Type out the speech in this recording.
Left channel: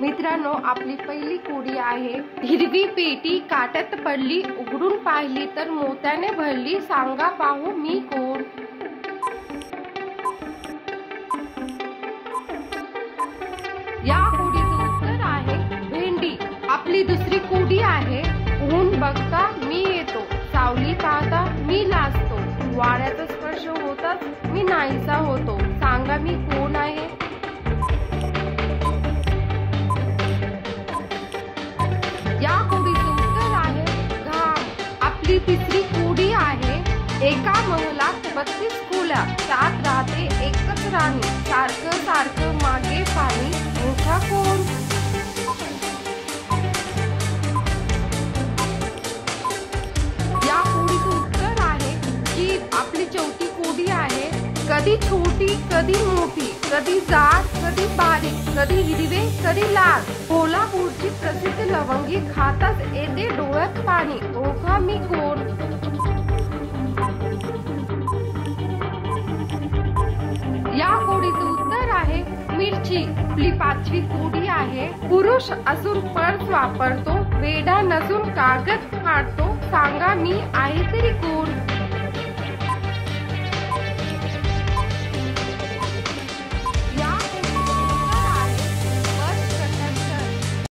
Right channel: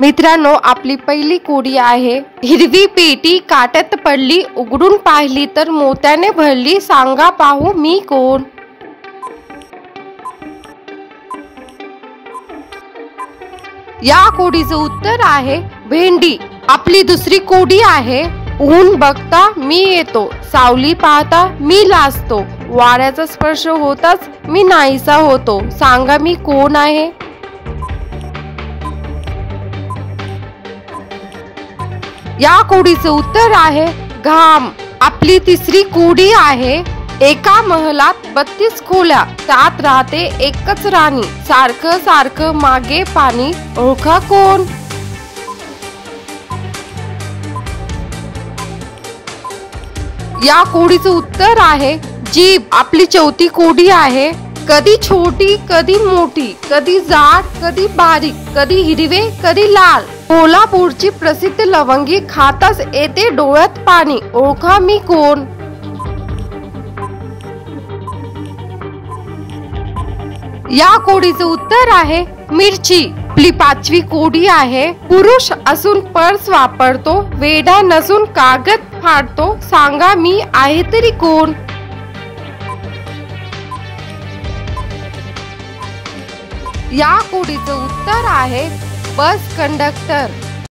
मित्रांनो, आपली पहिली कोडी आहे. हिरवी पेटी काट्यात पडली, उघडून पाहिली तर मोत्याने भरली, सांगा पाहू मी कोण. या कोडीचं उत्तर आहे भेंडी. आपली दुसरी कोडी आहे. ऊन बघता मी येतो, सावली पाहता मी लाजतो, वाऱ्याचा स्पर्श होताच मी नाहीसा होतो, सांगा मी कोण आहे. या कोडीचं उत्तर आहे घाम. आपली तिसरी कोडी आहे. एका महलात 32 खोल्या, त्यात राहते एकच राणी, सारखं सारखं मागे पाणी, ओळखा कोण. या कोडीचं उत्तर आहे जीभ. आपली चौथी कोडी आहे. कधी छोटी कधी मोठी, कधी जाड कधी बारीक, कधी हिरवे कधी लाल, कोल्हापूरची प्रसिद्ध लवंगी, खाताच येते डोळ्यात पाणी, ओळखा मी कोण. या कोडीचं उत्तर आहे मिरची. आपली पाचवी कोडी आहे. पुरुष असून पर्स वापरतो, वेडा नसून कागद फाडतो, सांगा मी आहे तरी कोण. या कोडीचं उत्तर आहे बस कंडक्टर.